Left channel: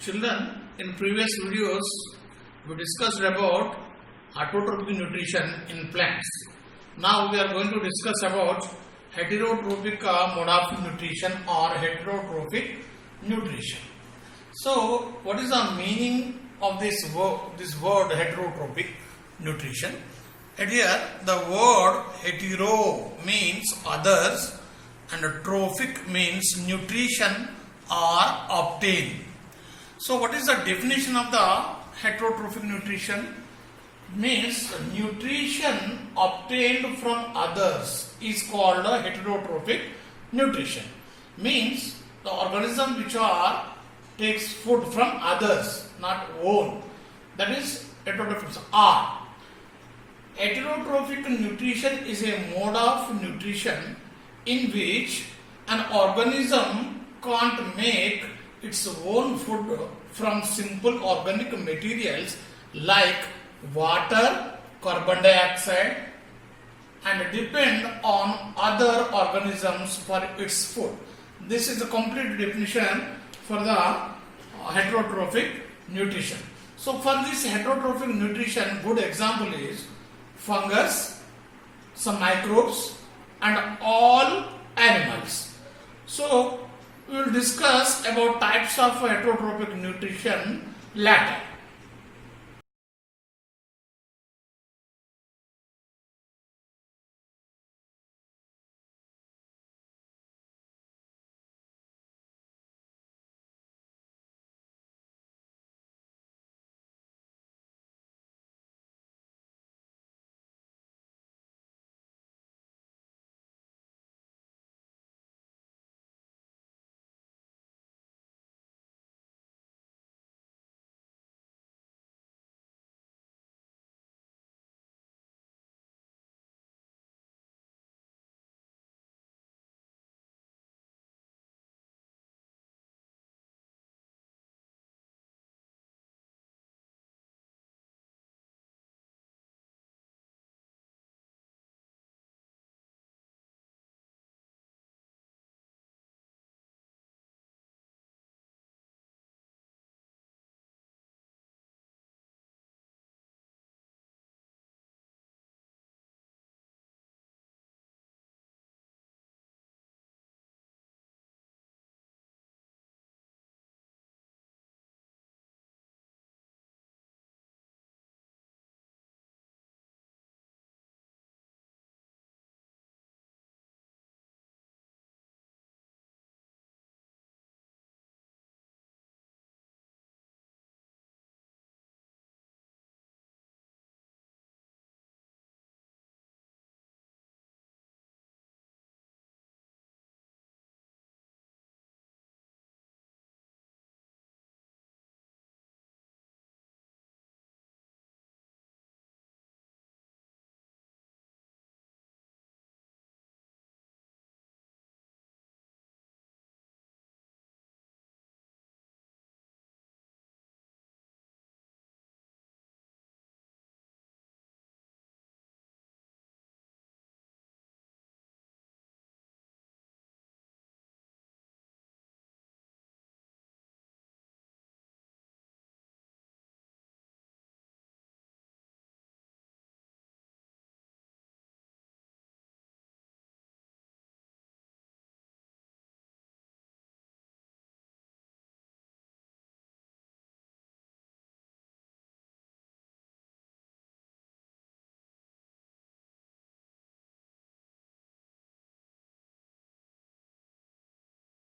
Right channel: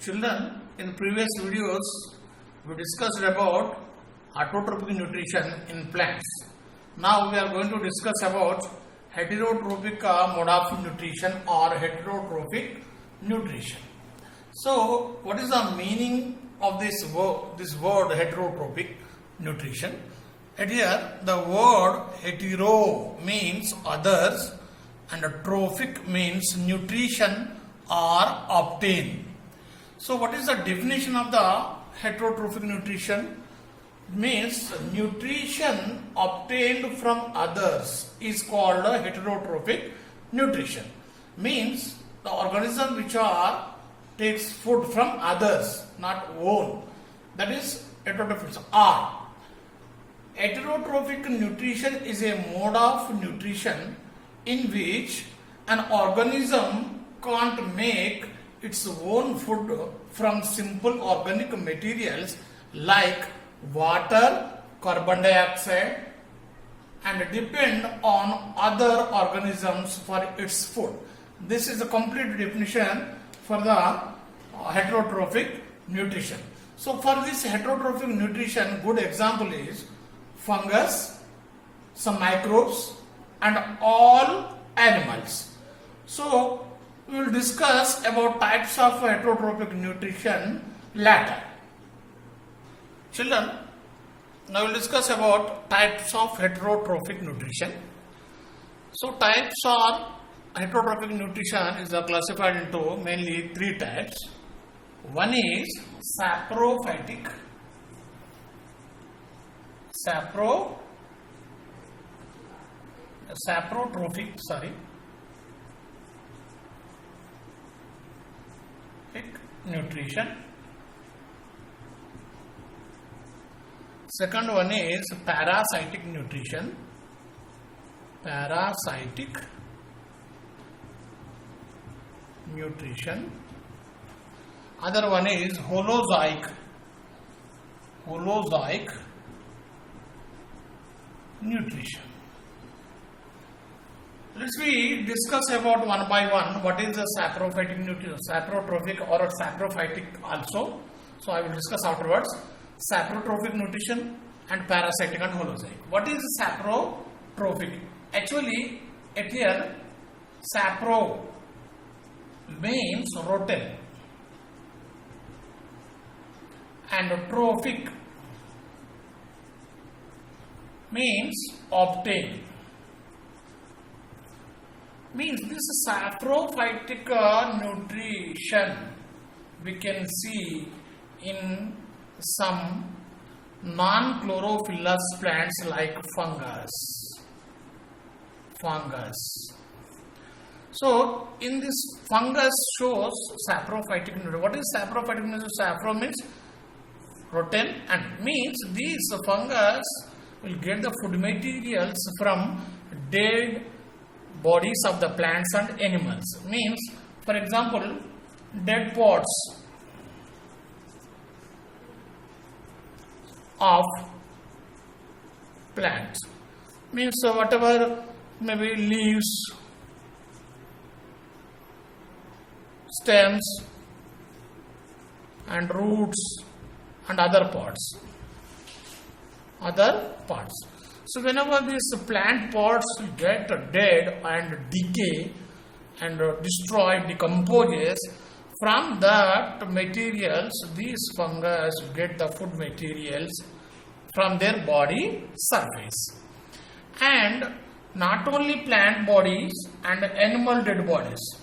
Children, in previous videos, we discussed about autotrophic nutrition in plants. Now we are going to discuss about heterotrophic mode of nutrition or heterotrophic nutrition. So, what is the meaning of this word heterotrophic nutrition? And here, the word hetero means others and trophic means nutrition or obtain. So, what is the definition of the heterotrophic nutrition? Means nutrition obtained from others is called a heterotrophic nutrition. Means the organism which takes food from others, not own. That is heterotrophic. Heterotrophic nutrition is a mode of nutrition in which an organism can't make its own food from simple organic materials like water, carbon dioxide, and depend on other organisms for its food. This is a complete definition for the heterotrophic nutrition. So for this heterotrophic nutrition, good example is fungus, some microbes, and all animals. So we will discuss about types of heterotrophic nutrition later. Children, now we will discuss about types of heterotrophic nutrition. So types of heterotrophic nutrition is classified into mainly three types. One is saprophytic, saprotrophic nutrition. Second one is parasitic nutrition. Other one is holozoic nutrition. Let's we discuss about one by one what is the saprophytic nutrition, saprotrophic or saprophytic also. So I will discuss afterwards saprotrophic nutrition and parasitic and holozoic. What is saprotrophic? Actually, at here sapro means rotten and trophic means obtain. Means this saprophytic nutrition we can see in some non-chlorophyllous plants like fungus. So in this fungus shows saprophytic nutrition. What is saprophytic nutrition? Sapro means rotten and means these fungus will get the food materials from dead bodies of the plants and animals. Means, for example, dead pods of plants. Means whatever maybe leaves, stems and roots and other parts. So whenever these plant pods get dead and decay and decomposes, from that materials these fungus get the food materials from their body surface. And not only plant bodies and animal dead bodies.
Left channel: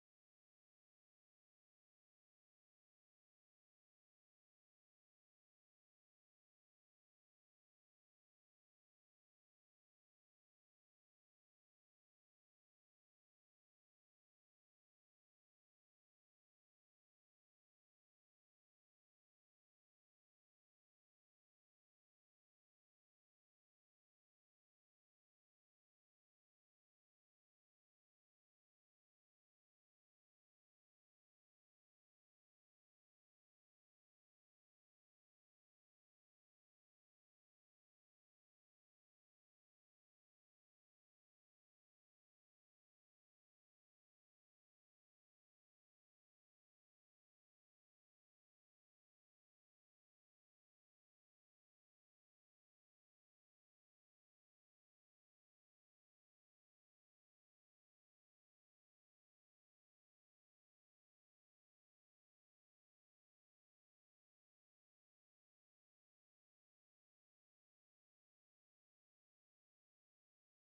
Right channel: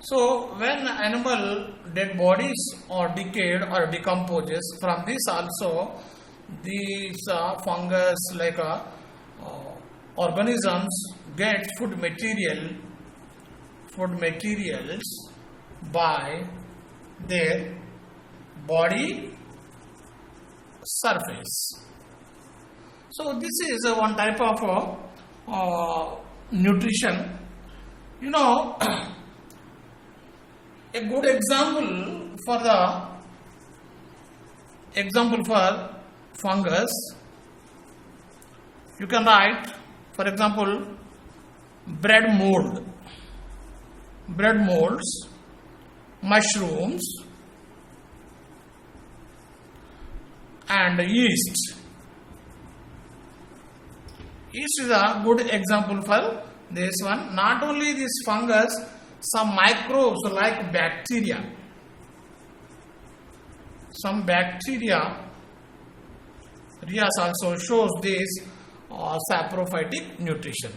So when animal dead bodies are decayed or decomposes, from this also these fungus like organisms get food materials by their body surface. So this is one type of nutrition. You know, a good example for fungus, you can write, for example, bread molds, mushrooms, and yeast. Yeast is a good example for this one. Not only this fungus, some microbes like bacteria. Some bacteria also shows this saprophytic nutrition.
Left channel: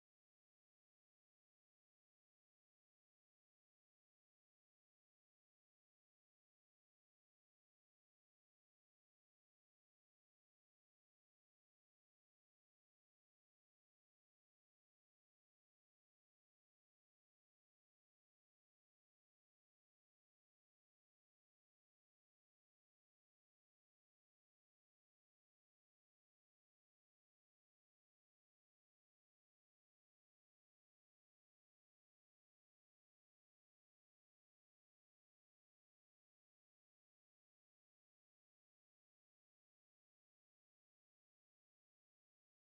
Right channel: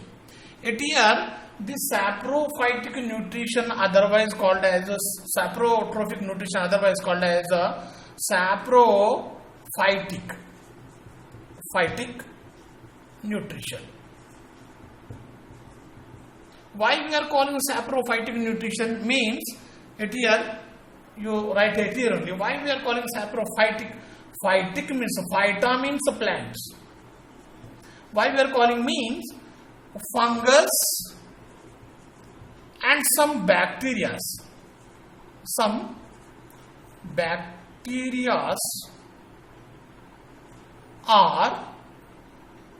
Here, this saprophytic nutrition, otherwise called as a saprotrophic nutrition, otherwise called as a saprophytic nutrition. Why we are calling saprophytic nutrition means here you write it here only. Why we are calling saprophytic? Phytic means phyta means plants. Why we are calling means fungus and some bacteria. Some bacteria are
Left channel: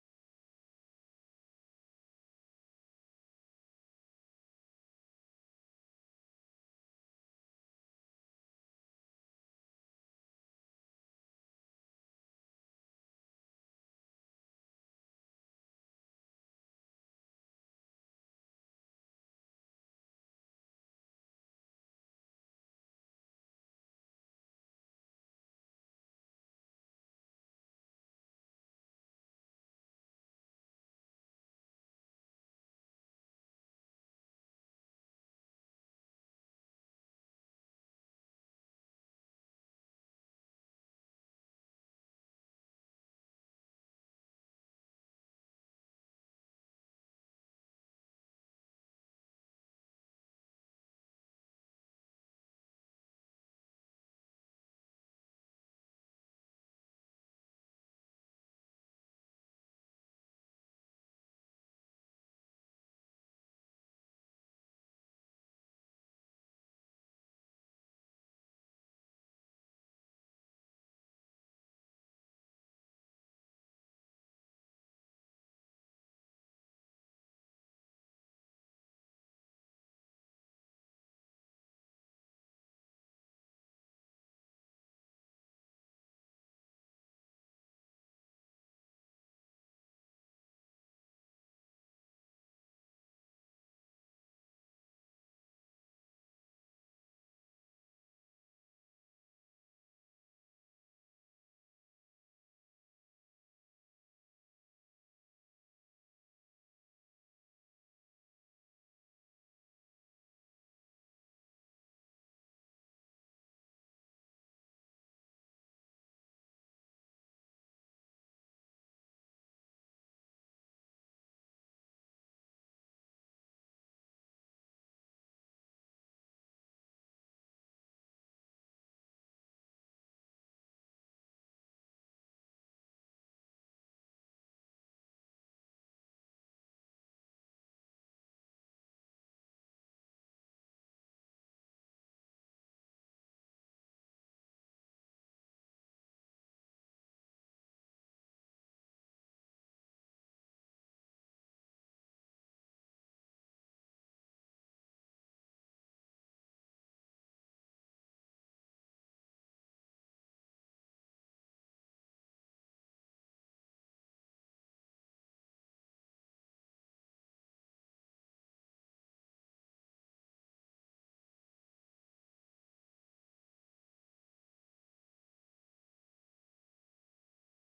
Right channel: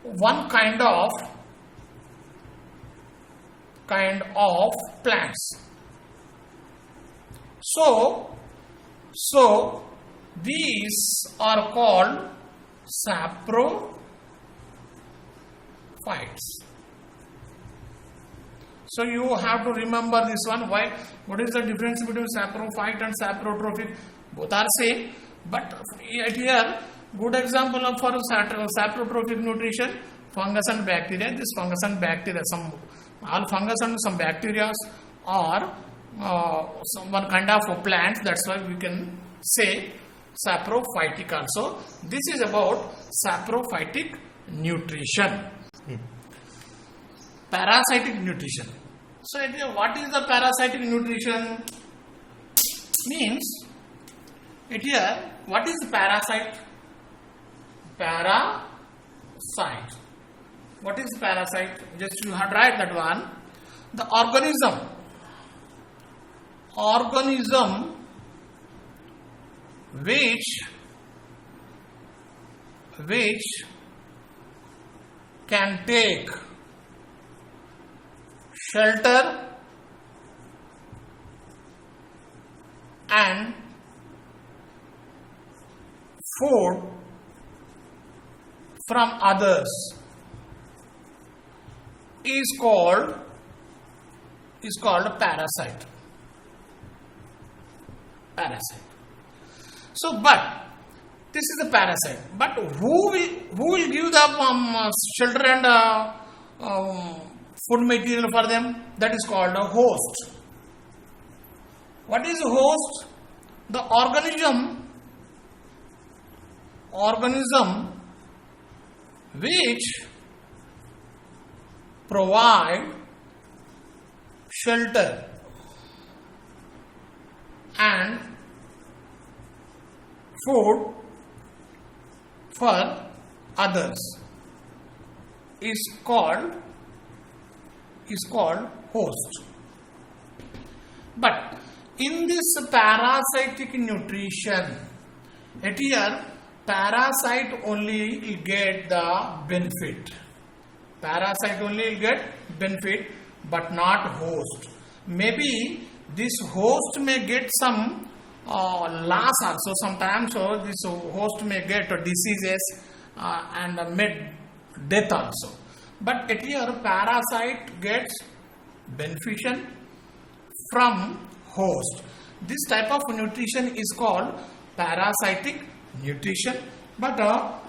one kind of plants. So these are called saprophytes. So you have to remember this one. Why? What is the difference between saprophyte and saprotrophic? Both are same, but here good example of for saprotrophic nutrition, fungus and bacteria. This fungus and bacteria, all fungus and some bacteria are one kind of plants. That's why we can say saprophytic also. This is about saprophytic nutrition. Parasitic nutrition. So what is the parasitic nutrition? Means here what is parasite? Parasite. What is parasite? Just you have write that one. The organism which can take shelter and food from others is called parasite. So, but this is a parasite. But who will give the shelter and food material for them? That is called a host. What is a host? The organism which provide shelter and food for others is called host. But in this parasitic nutrition, here parasite only will get the benefit. Parasite only will get benefit, but not host. Maybe this host may get some loss also sometimes. So this host may get diseases and may death also. But here parasite gets beneficial from host. This type of nutrition is called parasitic nutrition. But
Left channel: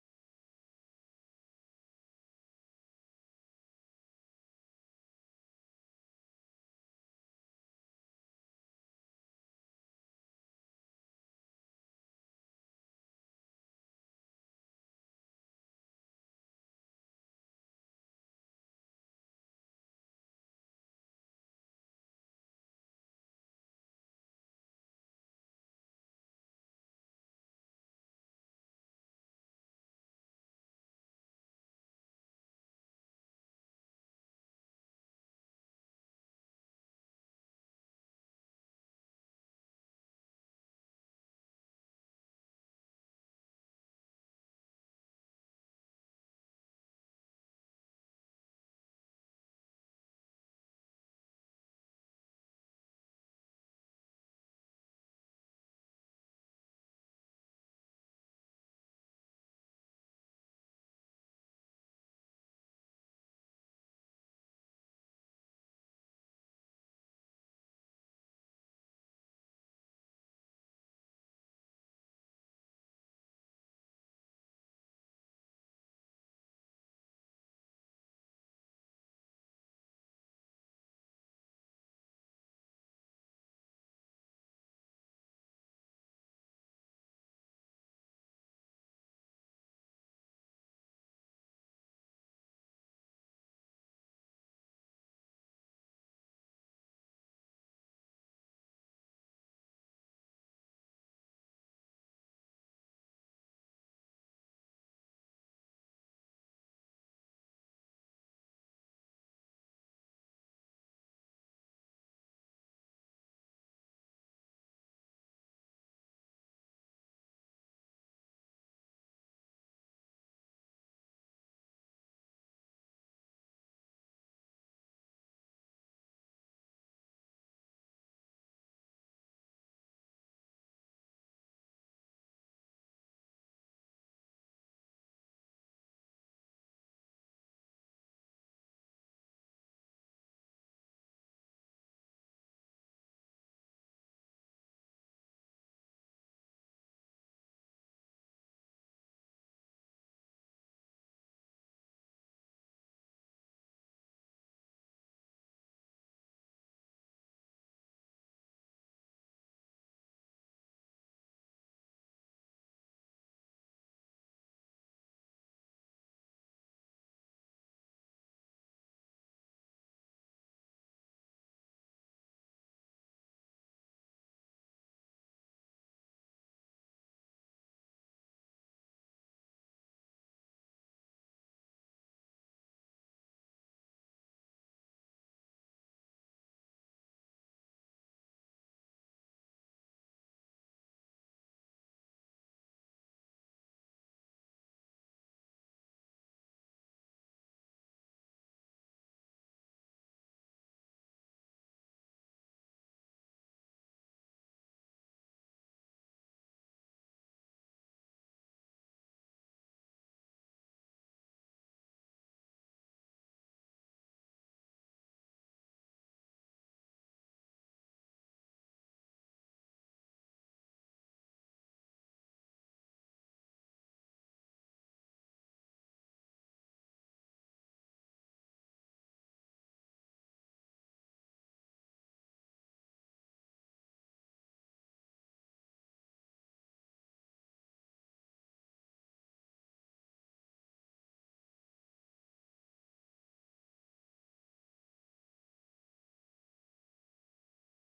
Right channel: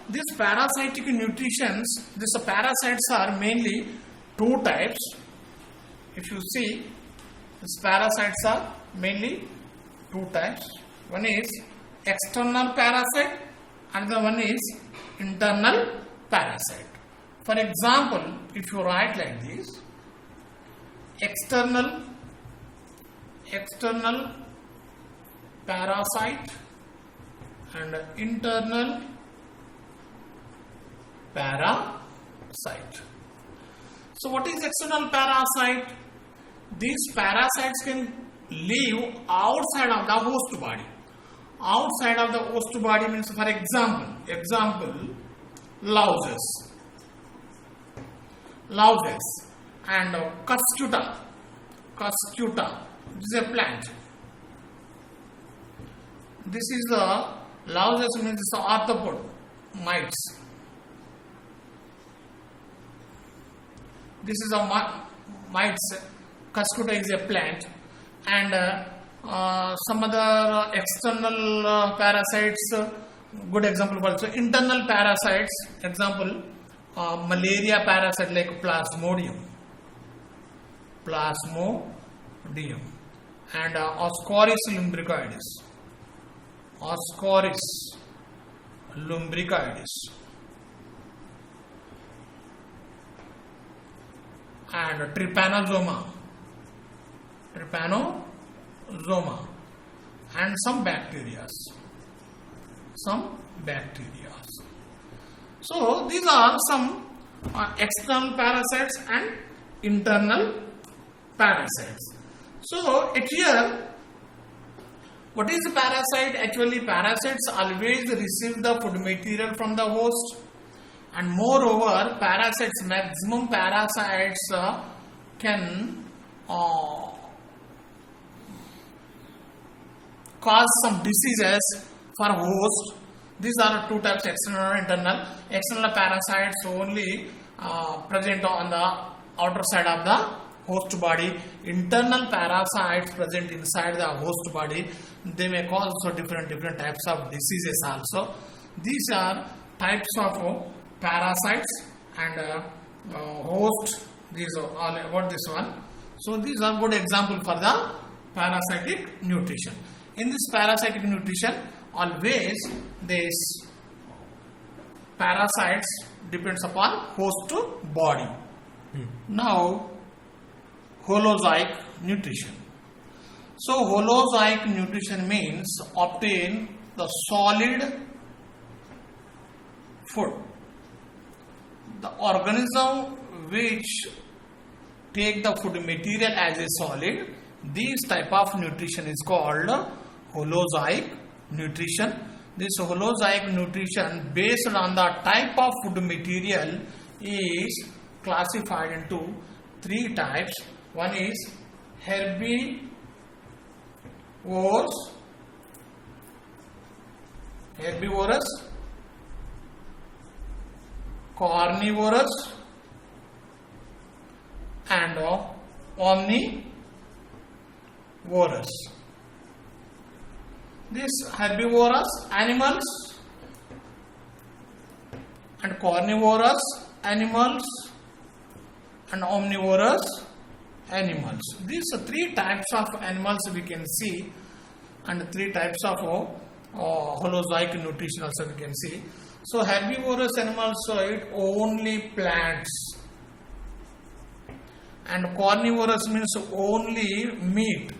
these parasitic nutritions, these parasites are mainly two types. If you see, these parasites are mainly two types. One is external parasite, another one is internal parasite. For example, if you write like this, external parasite and internal parasite. So what is external parasite? These parasites can live outside of the host body. Outside of the host body means, for example, louses. and Cuscuta. Cuscuta. This is a plant. This is the Lausus means the arthropod mites. This is a mites. Cuscuta is a plant, and some other external parasites. Good example also internal parasites. Example, malaria parasite like Plasmodium, and Ascaris lumbricoides. Ascaris lumbricoides. And Trypanosoma, and some bacteria. So these are some external parasites and internal parasites. So here, what is the parasite? Actually, parasites always receive the food material from the host, and moreover, maximum parasites can cause some diseases for host. These are two types, external and internal. External parasites only present on the outer side of the host body. Internal parasites present inside the host body. They may cause also different types of diseases also. These are types of parasites and host. These are all about this one. So these are good example for the parasitic nutrition. In this parasitic nutrition, always these parasites depends upon host body. Now, holozoic nutrition. So, holozoic nutrition means obtain the solid food. The organism which take the food material as a solid, this type of nutrition is called holozoic nutrition. This holozoic nutrition based on the type of food material is classified into three types. One is herbivorous, carnivorous, and omnivorous. These herbivorous animals and carnivorous animals and omnivorous animals. These are three types of animals we can see, and three types of holozoic nutrition also we can see. So herbivorous animals eat only plants, and carnivorous means only meat.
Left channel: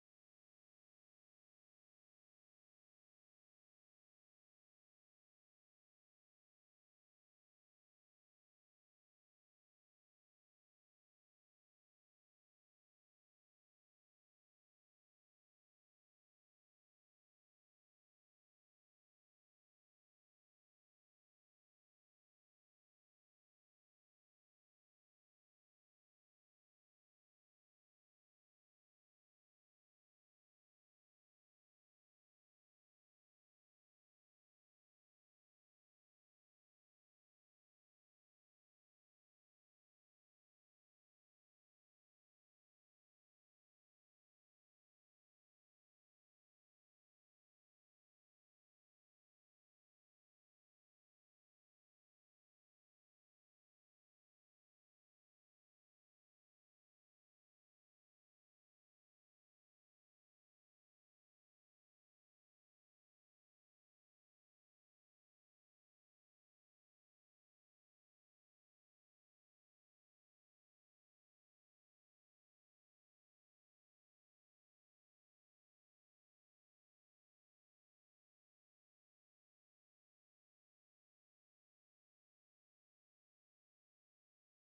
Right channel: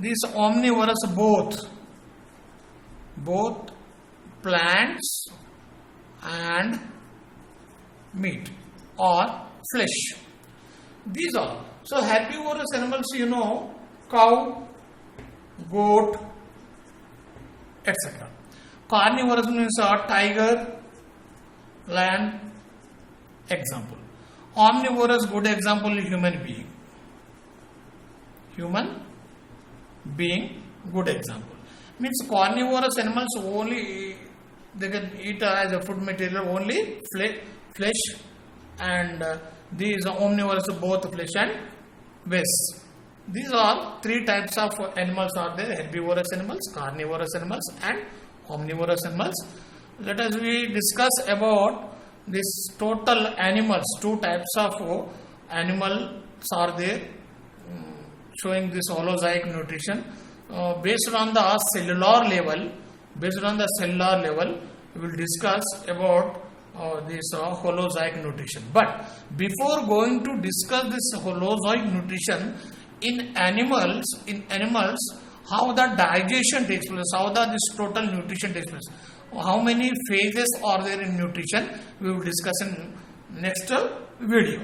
These omnivorous both plants and meat or flesh. These are. So herbivorous animals, cow, goat, etc. Carnivorous means tiger, lion, example. Omnivorous, good example, human being, good example. Means carnivorous animals only they can eat as a food material only flesh, and these omnivorous both flesh and waste. These are three types of animals are there: herbivorous animals, carnivorous animals, and omnivorous animals. Let us we discuss about this total animals. Two types of animals are there showing this holozoic nutrition. Based on the cellular level, we will discuss about this holozoic nutrition. But before going to discuss this holozoic nutrition in animals, how the digestion takes place, how this total nutrition takes place, how many phases are there in nutrition, we will discuss in next video.